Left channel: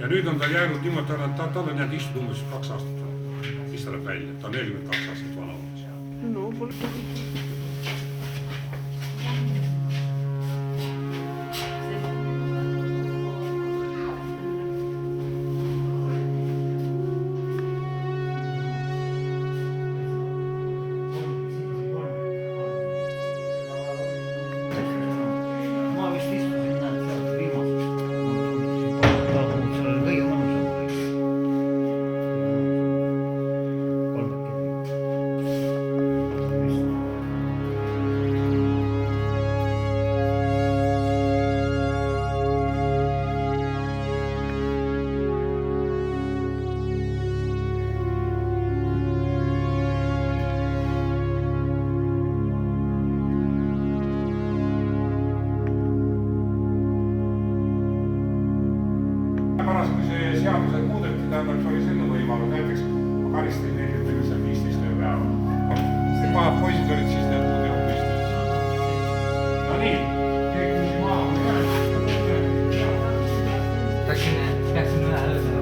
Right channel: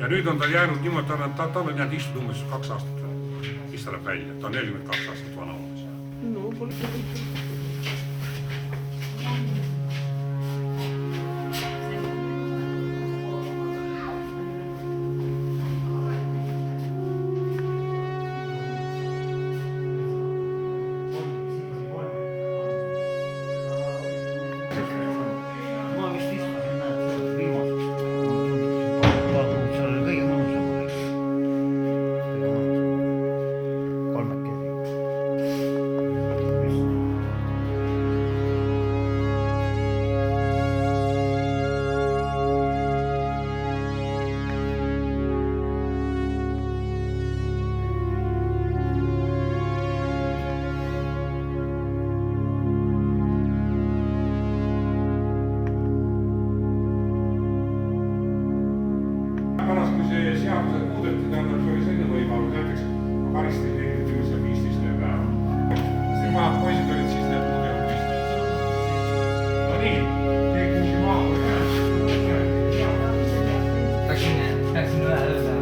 ja nüüd on tal jäänud niimoodi, tal on jäänud istuda umbes 2 aastat, siis ta läheb välja, ta on 42 aastat vana umbes. No pole ma vist istusin viimaseks. Vaatanud, seal oli kõige mõnusam. Kolmekesi. Poisid olid siis need muud ei olnud püsti. No nii, keegi küsi maha. Läksin üle ööle.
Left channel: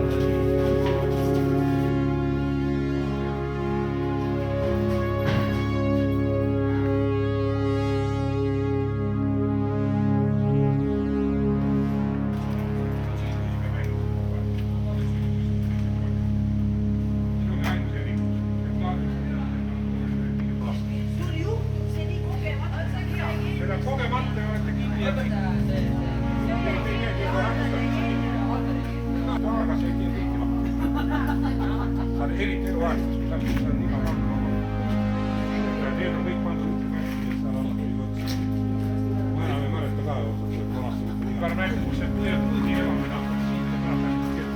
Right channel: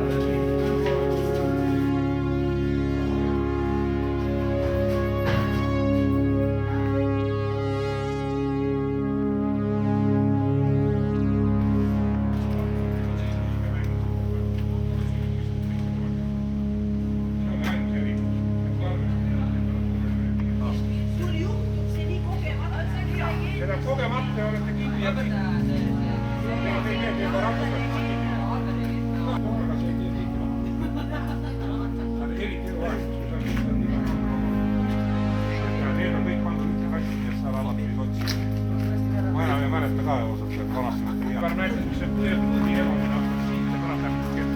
Kogemata olete kinni ja kõik. Eriti vahetus, kui sa on nii väga need on kõik pandud ühte kasti, et sa alati ei otsi. Ma enam ei mäleta ka osad seal vanastamist. Paar märk, kus see põdi elamine hakkab siit ja pärast läheb kett.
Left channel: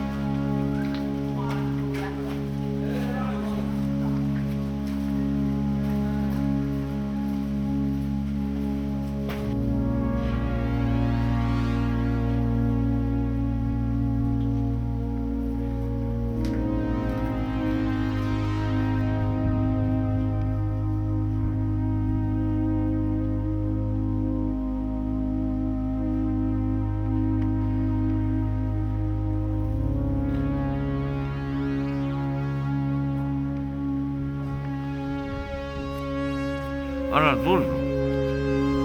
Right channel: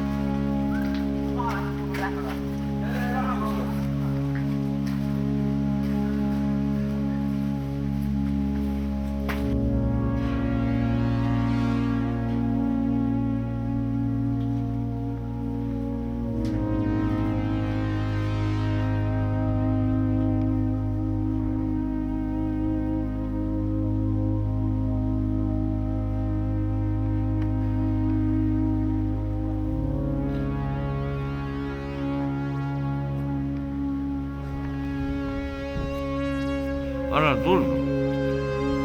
Anna tulnu.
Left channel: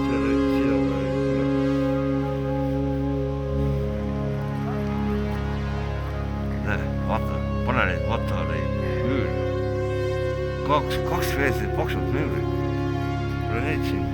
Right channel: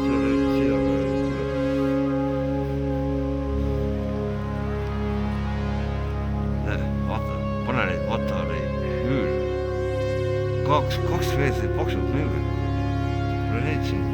Siia tuleb. Näe, vaata, pane neid matareid müüre. Kaks veesid paksud müüri. Pole neid siin.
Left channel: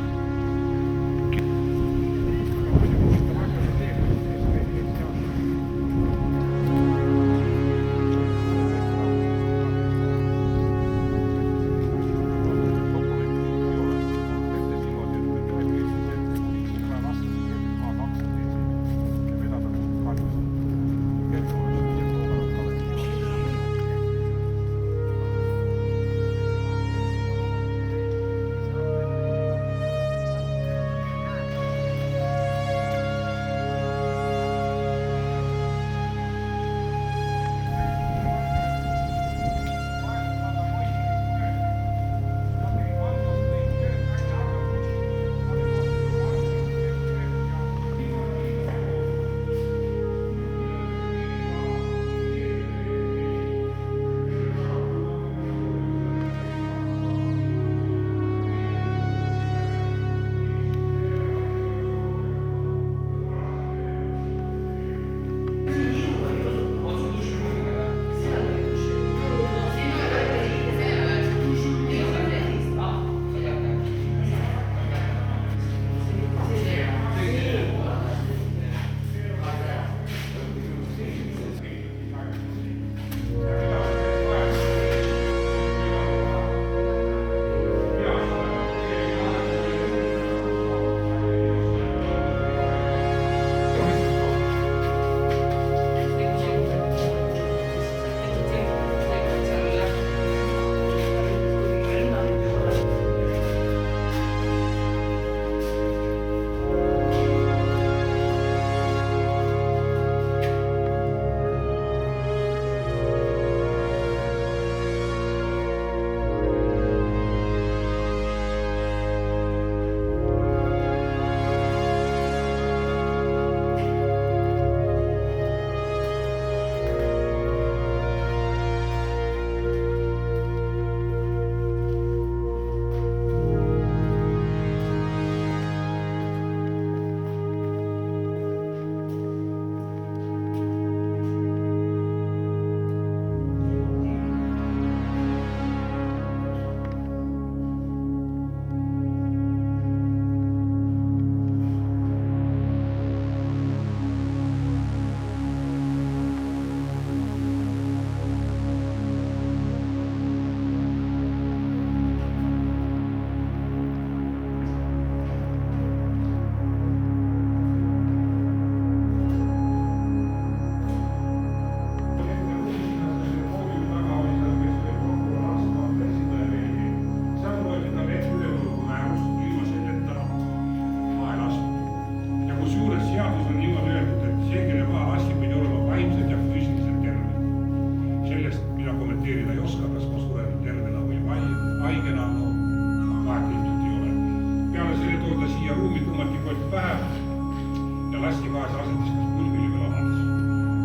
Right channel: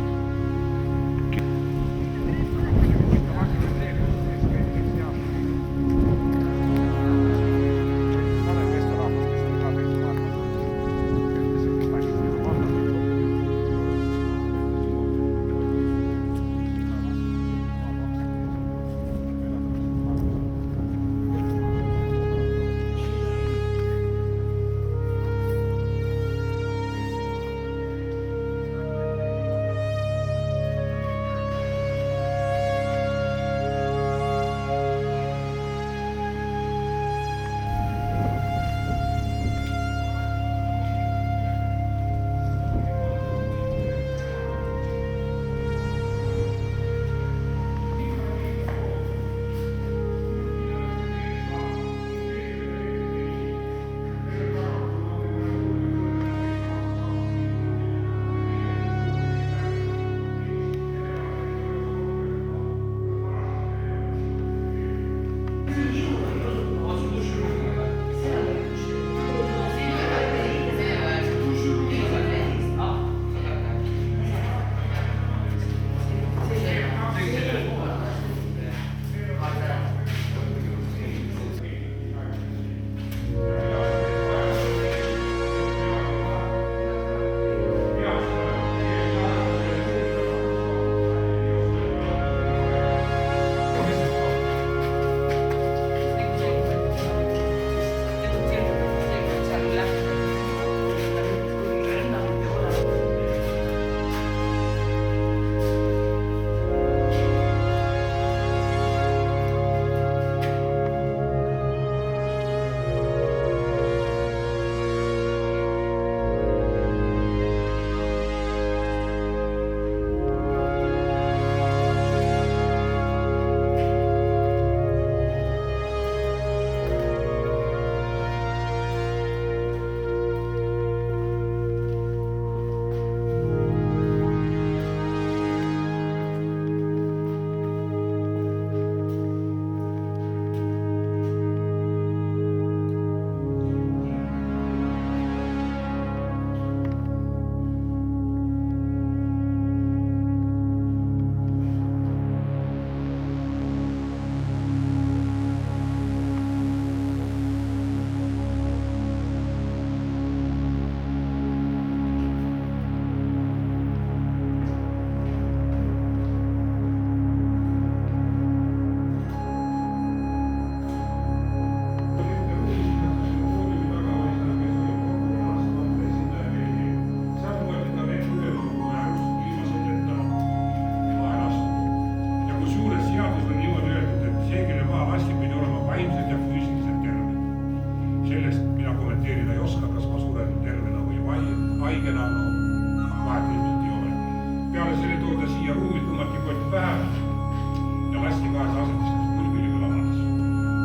lasti gaasi asetis kas pulbili või lavadis.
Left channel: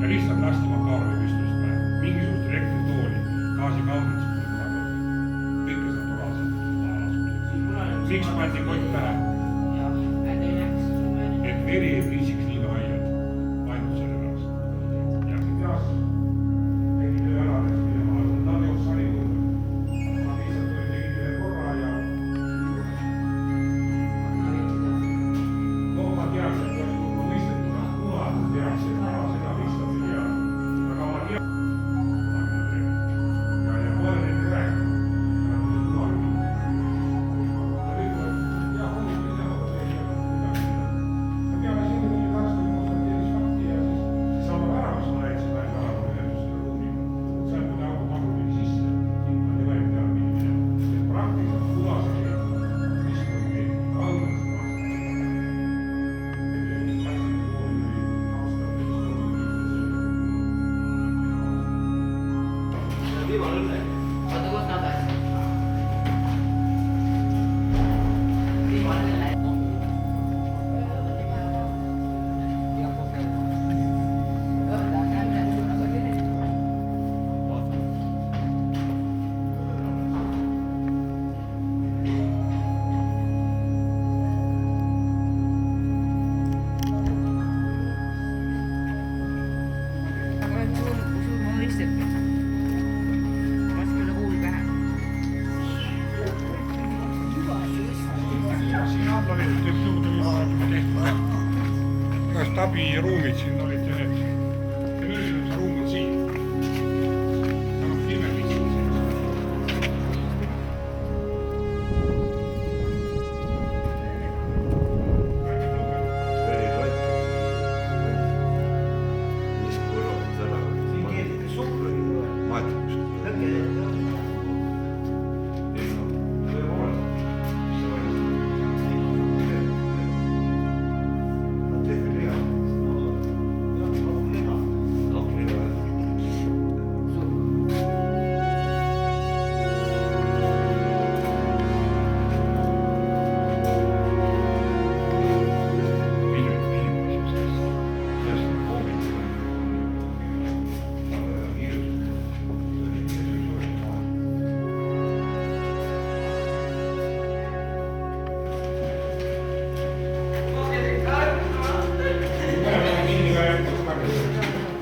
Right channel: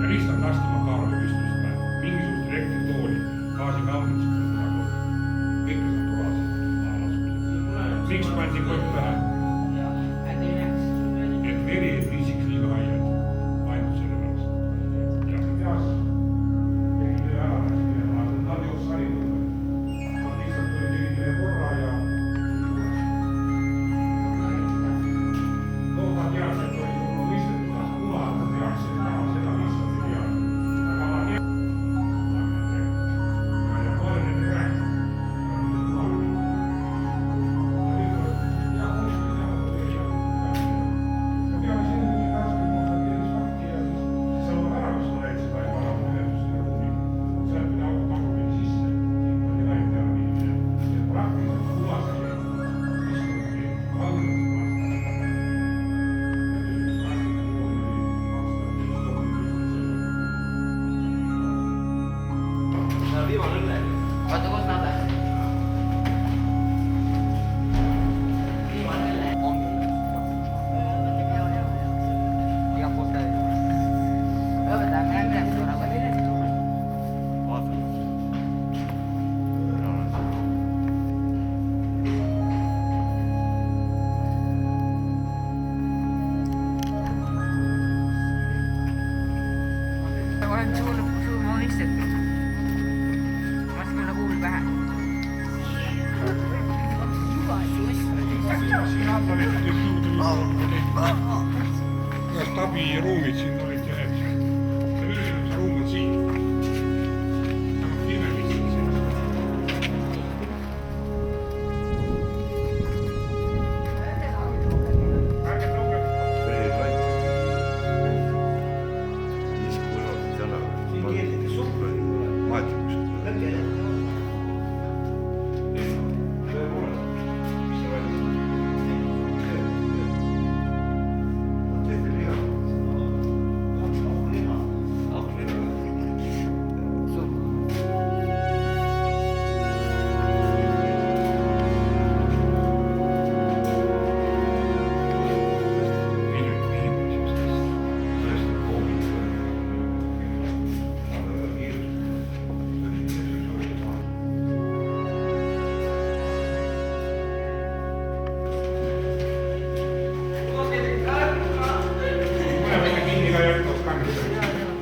Ja lihtsalt lasti Makarovi püstust päev. Mingisugust elektritooli, gaasikaamrit pole kunagi olnud. Kõike see naturaalselt laelasud. Miks pandi kott pähe? Et veri ei viisiks liiga haiad. Ainult selle pärast. Ja teas, tegin töö ära, ta on jooks harjunud. Ma lihtsalt tegin ühe korra ja ma teaks, et oli juba mõistetud, kuna ma teaks, et ma seda lihtsalt ei tea. Aga ma tean, ja pole nende rääkinud. Oota, kus nad on? Stabiruumid siin olid ja need ruumid siin. Ta on imelisi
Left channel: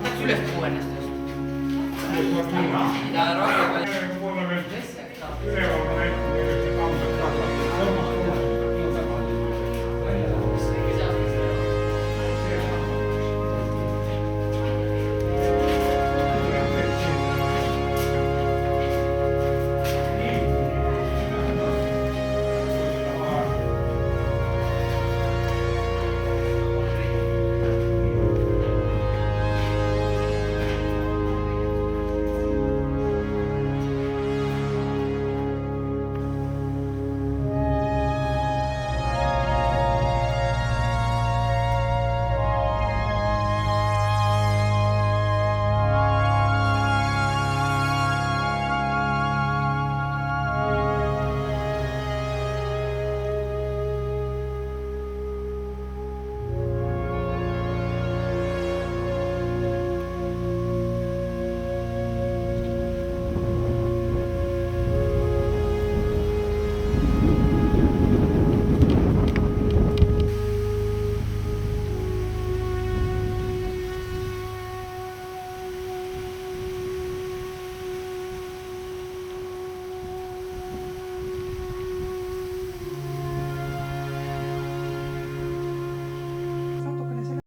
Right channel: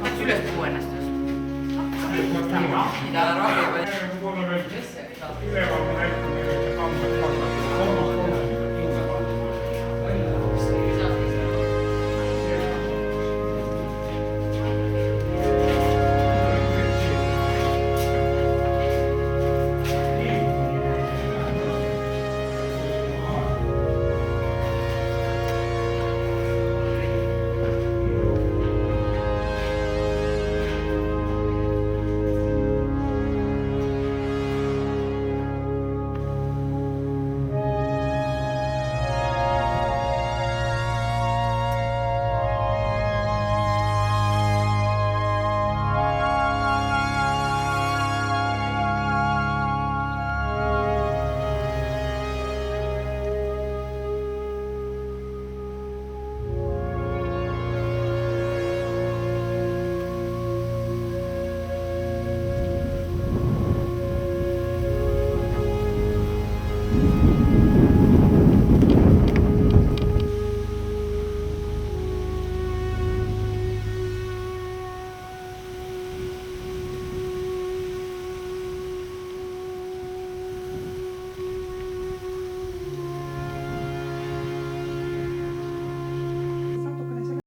Läks üles tuua ennast just. Ja rohkem. üleval ma näitan.